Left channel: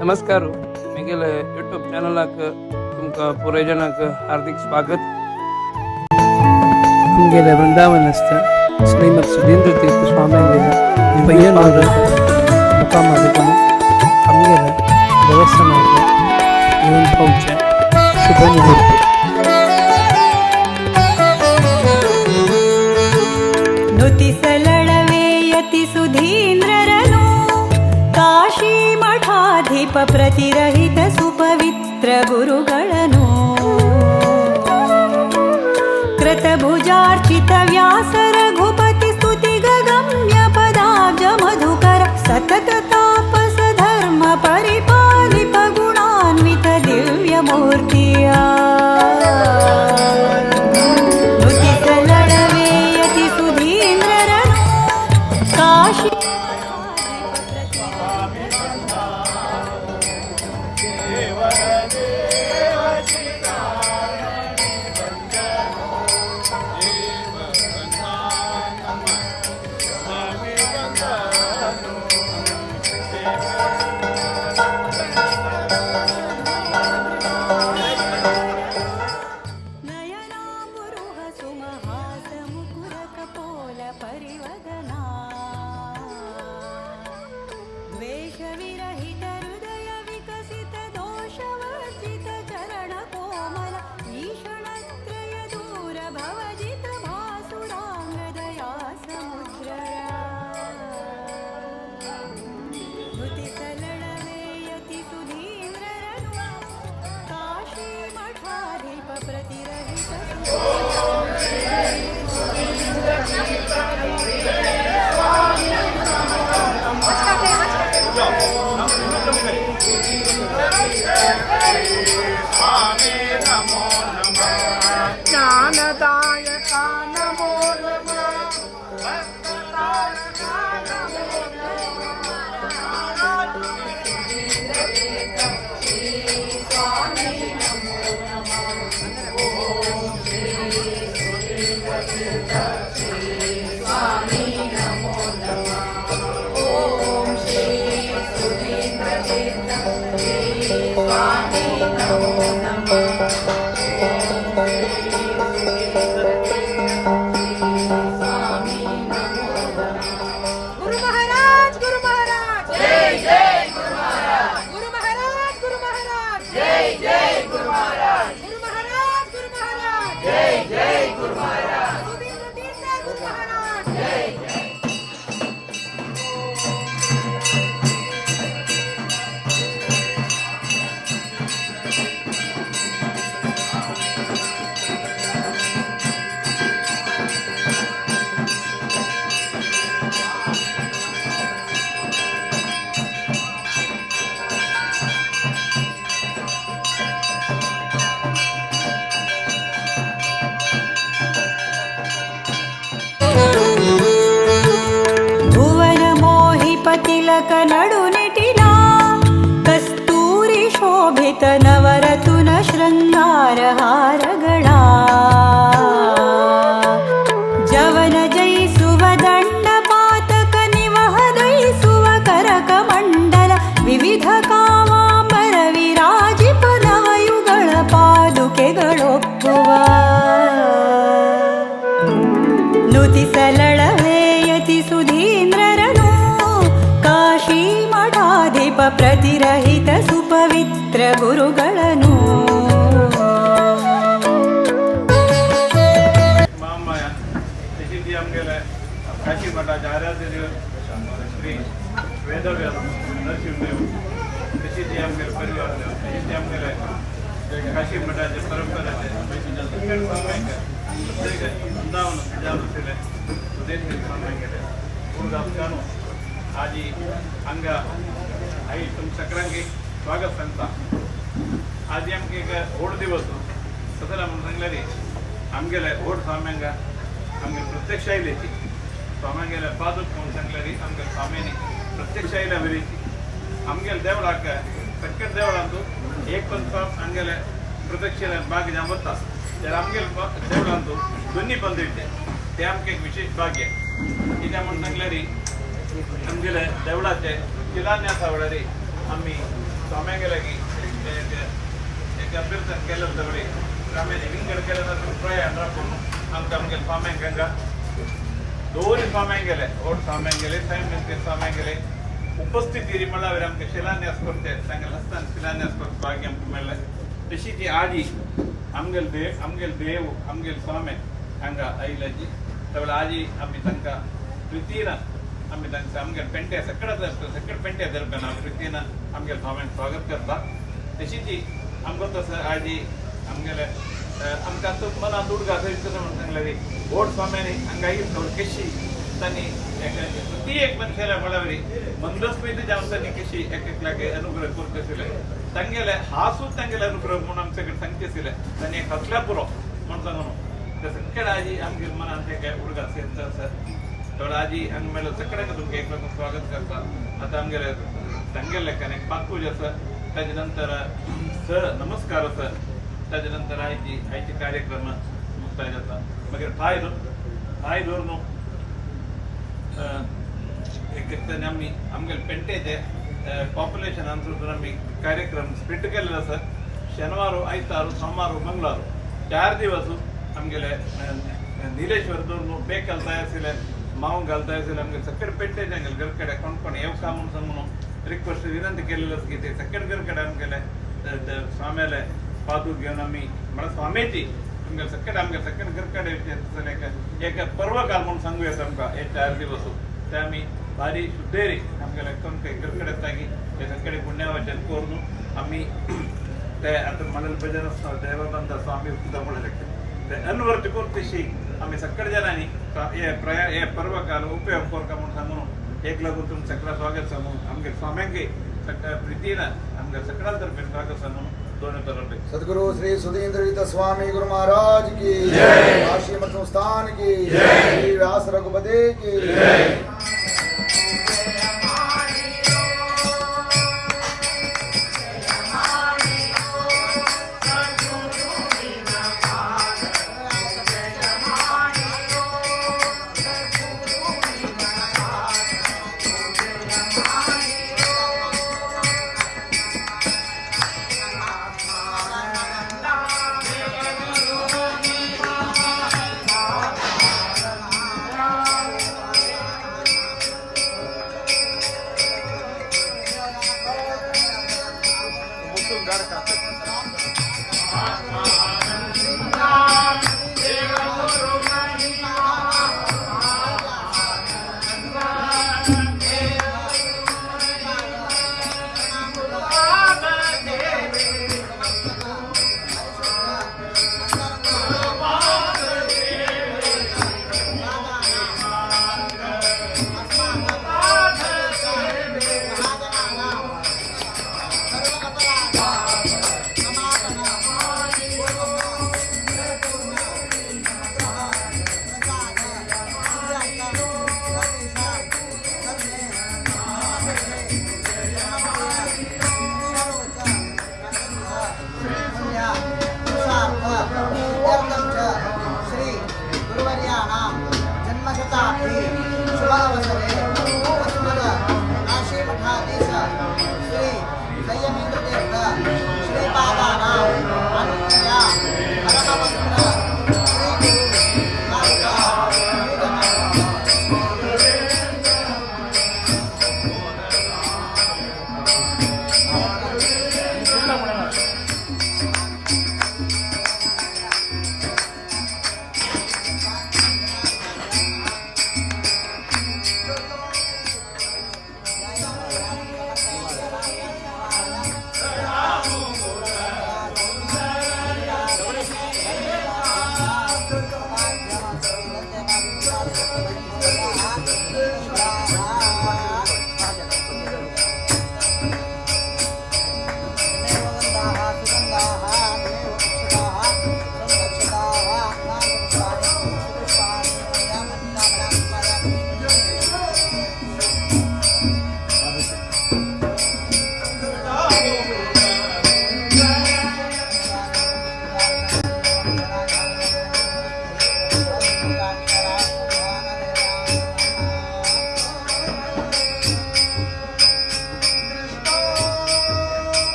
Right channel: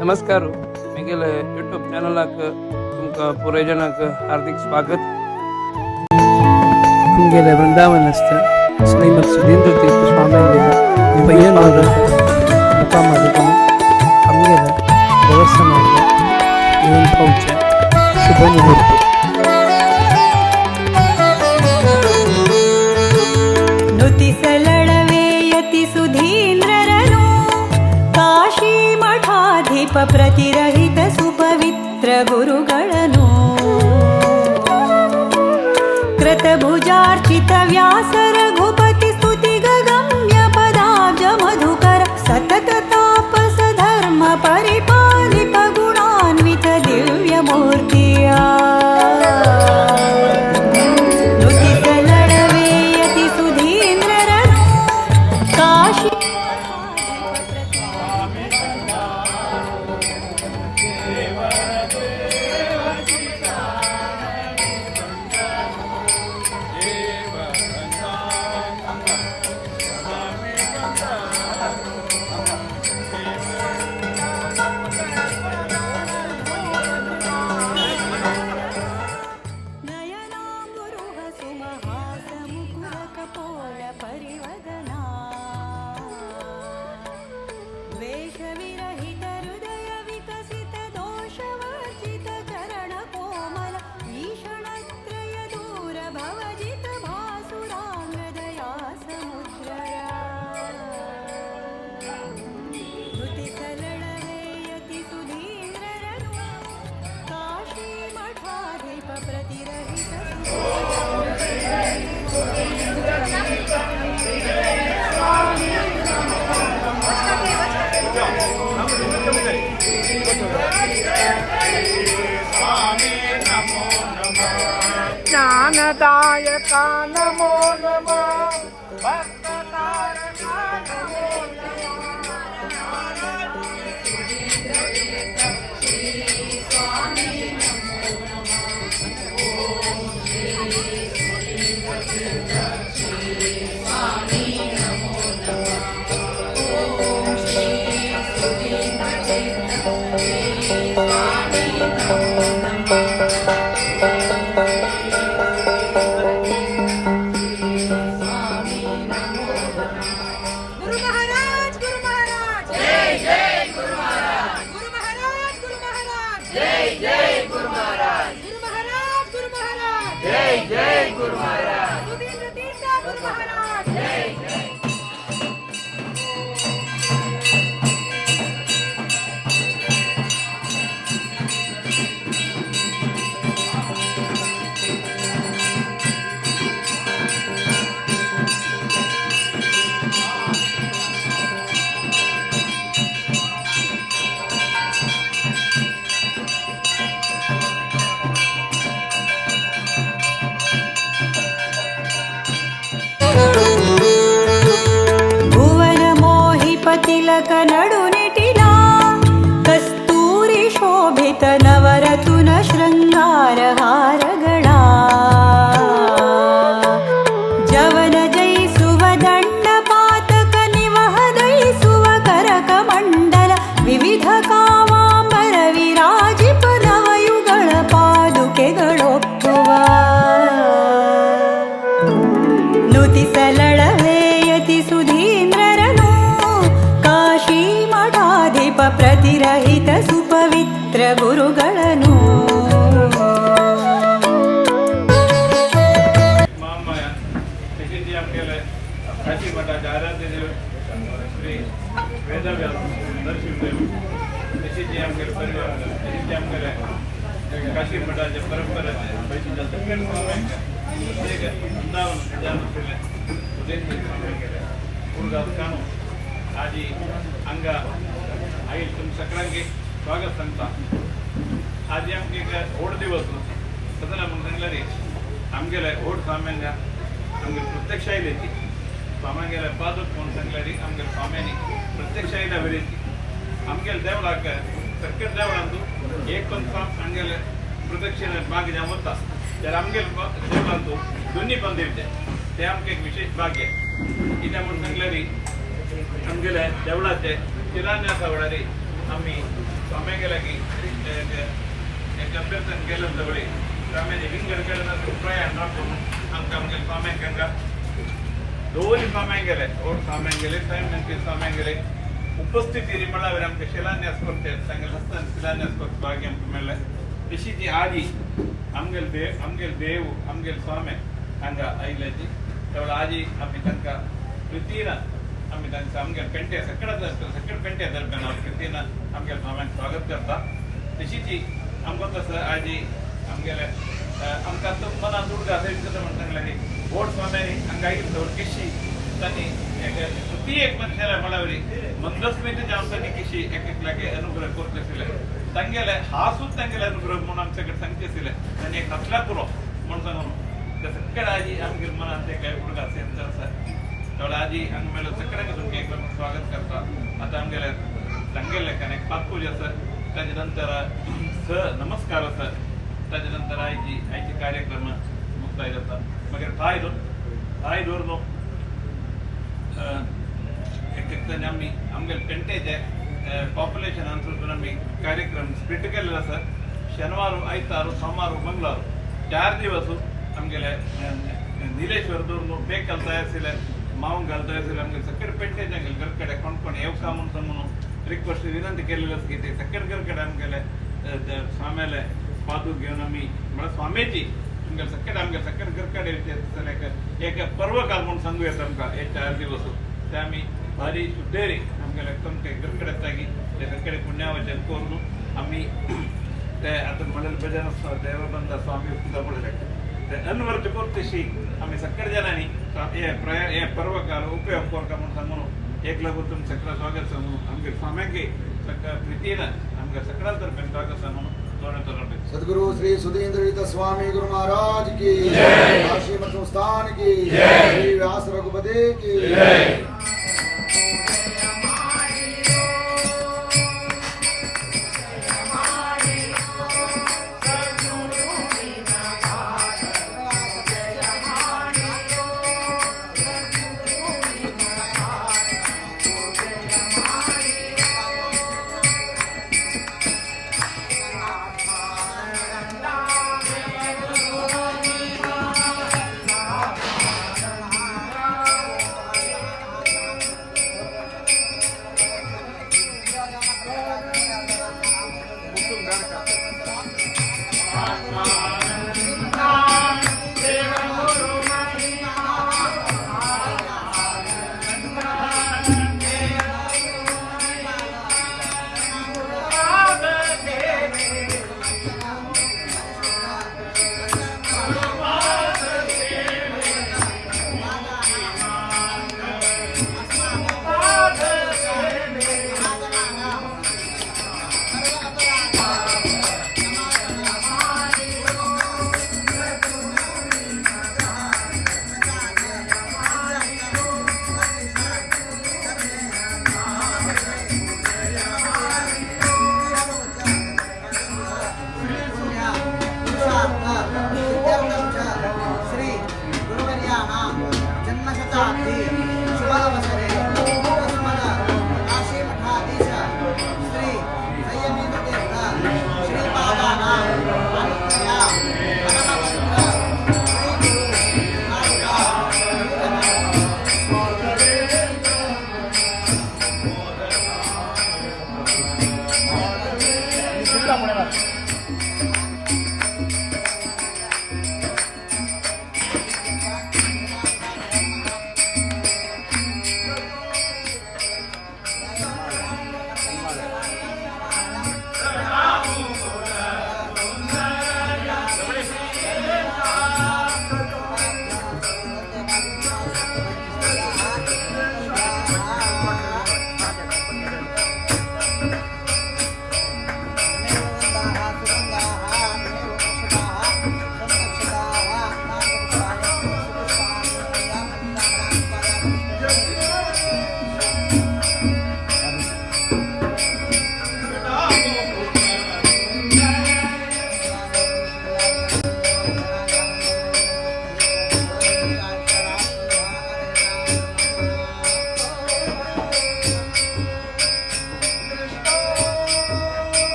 नमस्कार मेगेले यूट्यूब चॅनलाक तुमका पुरे जणांक हार्दिक स्वागत. गेले वृंदावनस्थ श्रीमद सुधींद्र तीर्थ स्वामींगेला ಪಯ್ಯನೂರ ಮುಖ ಮಾಡಿಕೊಂಡು ಹಂಗೆಲ್ಲ ದೇವಸ್ಥಾನದ ಇವನ್ ಪೌಚ ಶುಭ ಮುಹೂರ್ತ. ನುತಿಸಲಳವೇಯತಿ ಸುಧೀಂದ್ರರನು ಕಾಶಿ ಮಠಾಧಿಪ ಪ್ರತಿರಹಿತ ಸುಪವಿತ್ರ ಗುರುಗಳನು ಕೃತಭುಜಾರ್ಚಿತ ವ್ಯಾಸ ರಘುಪತಿ ಸ್ತುತಿ ಗಗಮ್ಯ ಪದಾಬ್ಜ ಮಧುಕರ ಸತತ ತಾಪಸ ಧರ್ಮ ಪರಿಪಾಲಿಪ ಗುಣಾನ್ವಿತ ದಿವ್ಯ ಮೂರ್ತಿಯ ನುತಿಸಲಳವೇಯತಿ ಸುಧೀಂದ್ರರನು ಕಾಶಿ ಪರಿವದನಾ ದ್ವೇಷವಿರಹಿತ ಹೃದಯ ವಿಕಸಿತ ದೋಷವರ್ಜಿತ ಚರಣ ಕೋಮಲ ಈಷಣತ್ರಯ ದೂರ ಭವಜಿತ ಭಾಸುರಾಂಗದಯಾ ಸಮುದ್ರರ ನುತಿಸಲಳವೇಯತಿ ಸುಧೀಂದ್ರರನು ಕಾಶಿ ಮಠಾಧಿಪ ಪ್ರತಿರಹಿತ ಜ್ಞಾನದಾಯಕ ನಮೋ ನಮಃ ಭಕ್ತತಾರಕ ನಮೋ ಭುವನ ಮೋಹಿಪತಿಲಕ ನಡುನಿಟಿಲ ಕಸ್ತೂರಿ ಶೋಭಿತ ನವರತುನ ಶೃಂಗಾರ ಹಾರಗಳ ಜವನ ಜಯಿಸುವ ದಂಡ ಪಾತಕ ನಿವಹದಯಿಸುವ ಕರಕ ಮಂಡಲ ವಿವಿಧ ಕಾವಾಂಬರ ವಿರಾಜಿಪ ನವಯುಗಳ ಪಾದುಕೆಗಳೊಪ್ಪುವ ನುತಿಸಲಳವೇಯತಿ ಸುಧೀಂದ್ರರನು ಕಾಶಿ ಮಠಾಧಿಪ ಪ್ರತಿರಹಿತ ಸುಪವಿತ್ರ ಗುರುಗಳನು काशी मठाचे आराध्य देव श्री वेदव्यास नरसिंहदेव तशी ती आमगेले परिवार देव तशी ती आमगेले काशी मठाचे परंपरेचे दक्षिण स्वामींगे प्रत्येक वृंदावन जालूसले सुधींद्र स्वामींगेले पूर्गाव चानो आजी अंग आई तुम सक्रांगी स्वागत सांगता आजी आमगे ओड दिवस सदन सांगल्यारी आमगेले ओड स्वाम्यांगा आमगे प्रत्यक्ष आयलेची स्वाम्यांगेले पादूक म्हणून सांगल्यारी आमगे स्वाम्यांनी प्रत्यक्ष आयल्या बरीची आमगेले देवळाक सगळ्या देवळांतू एक पंथ आमगेले प्रत्यक्षेन भाग जावता तर आमगेले देवळांतू दोन्ही पंथ इट्टे ते आमगे एक विशेष भाग्य कित्याक म्हणून सांगल्यारी आमगेले देवळाचे शिलान्यासा वेळारी आमी आमच्याकडे गेलं ना रुपये आमच्या स्वाम्यांकडला दोन्ही स्वाम्यां गेले ओढ स्वाम्यां गेले स्वाम्यां गेले उपस्थिती मळावर आमकां शिलान्यास करते तांगेले हस्तान शिलान्यास करता भाग्य आमकां मेळ्ळें तशी ती आजी आमगेल देव आमगेल स्वामी हांगा आयिल्ल्याची तेवढा आजी आमी तांकां प्रितीन आमी तांकां आमगेल पेंटे सकड पेंटे दरम्यान प्रितीन आमगेल स्वाम्यांक स्वागत करता तशी ती आमकां तसं आजी आमगेले आमकां तो मनात उडगा करता म्हणून सांगलेली ओड स्वाम्यांनी हांगा येयली तर कशी तांणी ती एक मनशाला मळावरी मंदस्मिती जावन तांणी कशी एक लागे अनुग्रह करचे आशिल्ले तांगेले हासूच तांगेले अनुग्रह म्हणून आमचे कडेन सांगचे आशिल्ले तांणी एक हसल्या पुरो म्हणून सांगून ते सकड आजी आमगे मनात ते उडगा सेंत आसा थोडा आजी हांगा मेलो सकडाक तुमकां एक लागून स्वागत करता आतां आमगेले तांगेले एक पांचपूज आसा ताजे नंतर नमस्कार आसा ताजे नंतर आयचे कार्यक्रम मुक्ताय जाता मागीर पांय दवरून एक आमी आमगेले पेंटेचे पॉप्युलेशन अनुसरून आमी कार्यक्रम स्प्लिट केल्ले आसा शेनवार आयतार सोमार मंगळार 4 दिवस आमगेले निलेश्वर दवरून पेक घालताय आशिल्ले मावंक घालताय आशिल्ले आमगे सकड पेंटेचे आमगेले घरकडे कोण येवका म्हणून रिक्वेस्ट विनंती केलेली आसा की ते सकड घरकडे आमगेले स्वाम्याले पादूक घेवन आमी म्हळ्यार स्वामीची आमगे सकड घरकडे एक पर्व काल म्हणून सांगू येता आमकां हे 4 दिवस ते आमी भारी सुद्देरी आमगेले कमके घरकडे येता की ते सकडे पुण्यावचन करून आमी ते आतां म्हणलें भजन आसता देवानंद स्वामी म्हणलें ते अनवर्त करतशी आमी सकड जाणांनी हे पर्व काल उपयोग करता म्हणून सांगून एक लागून तुमचे सकला स्वागत सांगून आमगे स्वाम्यांगे प्रितीन आमगे सकला तर्फे स्वागत सांगून दोन तरफ सद्गुरु श्री सुधींद्र स्वामी गुरु महाराज की जय, काशी मठ संस्थान की जय, श्री व्यास रघुपति की जय।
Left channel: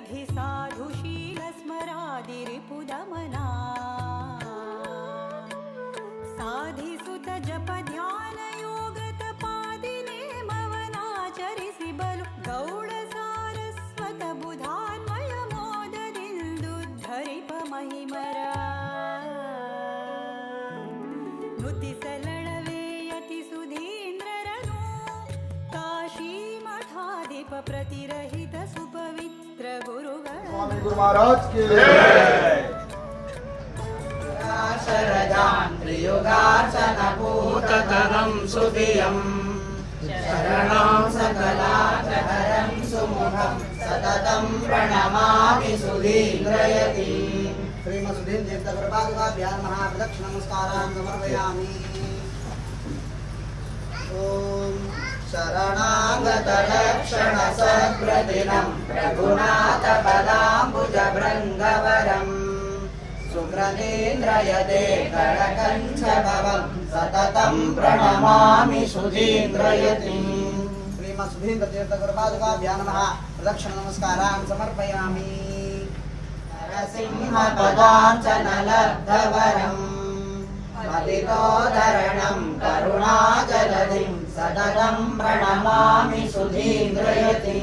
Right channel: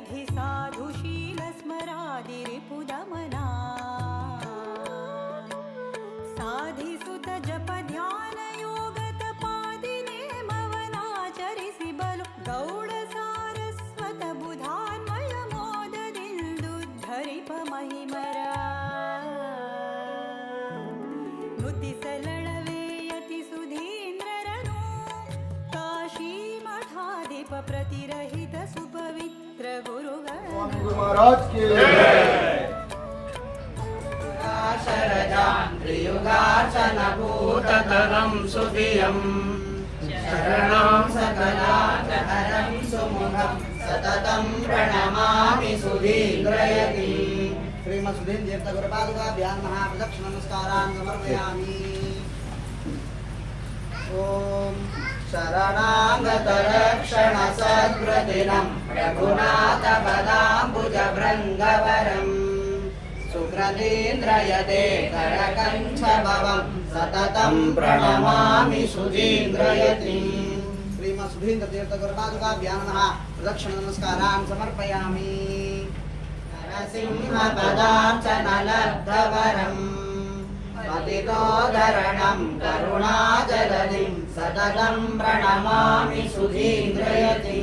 विधि साधुशील स्मरादिरिपुदमना साधिसुत जप ध्यान योग तपादिने मवनाचरिसि बलु गौड़ सारस्वत बुधान्वय मोददिल्दुद्धरिप महिमरा ನುತಿಸಲಳವೇ ಯತಿ ಸುಧೀಂದ್ರರನು ಕಾಶಿ ಮಠಾಧಿಪ ಪ್ರತಿರಹಿತ ಸುಪವಿತ್ರ ಗುರುಗಳ स्वामी गुरु महाराज की भूततरं सुधियं शरणं सकलाचहरं सुमुखं सततं प्रणमामि सुधीन्द्रयति श्रीमद् सुधीन्द्र तीर्थ गुरुपादुकाभ्यां महाप्रदक्षिण नमस्कारान् समर्पयामि। ॐ शरणागतरक्षण सद्वृदिनं रघुनाथपदाम्बुजभृङ्गवरम् सुभ्रतीन्द्रयते करकञ्चभवं सततं प्रणमामि सुधीन्द्रयति श्रीमद् सुधीन्द्र तीर्थ गुरुपादुकाभ्यां प्रदक्षिण नमस्कारान् समर्पयामि। नरसिंहपदार्चनलब्धवरम् पतितोद्धरणं करुणाजलधिं सततं प्रणमामि सुधीन्द्रयति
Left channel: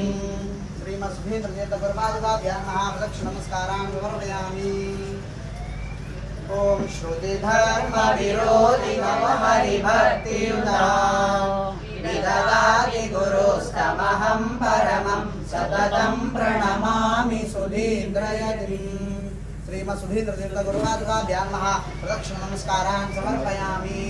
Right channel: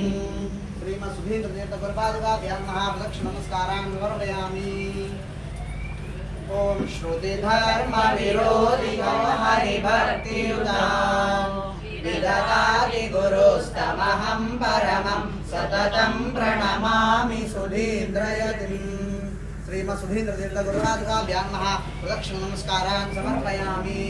श्रीमद् सुधीन्द्र तीर्थ गुरुपादुकाभ्यां प्रदक्षिण नमस्कारान् समर्पयामि। ॐ श्रुतिधर्मविरोधिनो हरिभक्तियुता विददाति गुरुस्तमहं परमं सततं प्रणमामि सुधीन्द्रयति श्रीमद् सुधीन्द्र तीर्थ गुरुपादुकाभ्यां प्रदक्षिण नमस्कारान् समर्पयामि।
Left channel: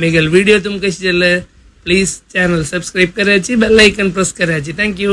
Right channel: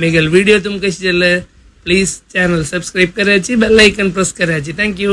मेगल वीडियो तुम कशी जाले प्लीज चॅनल सबस्क्राईब करायची बेल आयकन प्रेस करायची थँक्यू.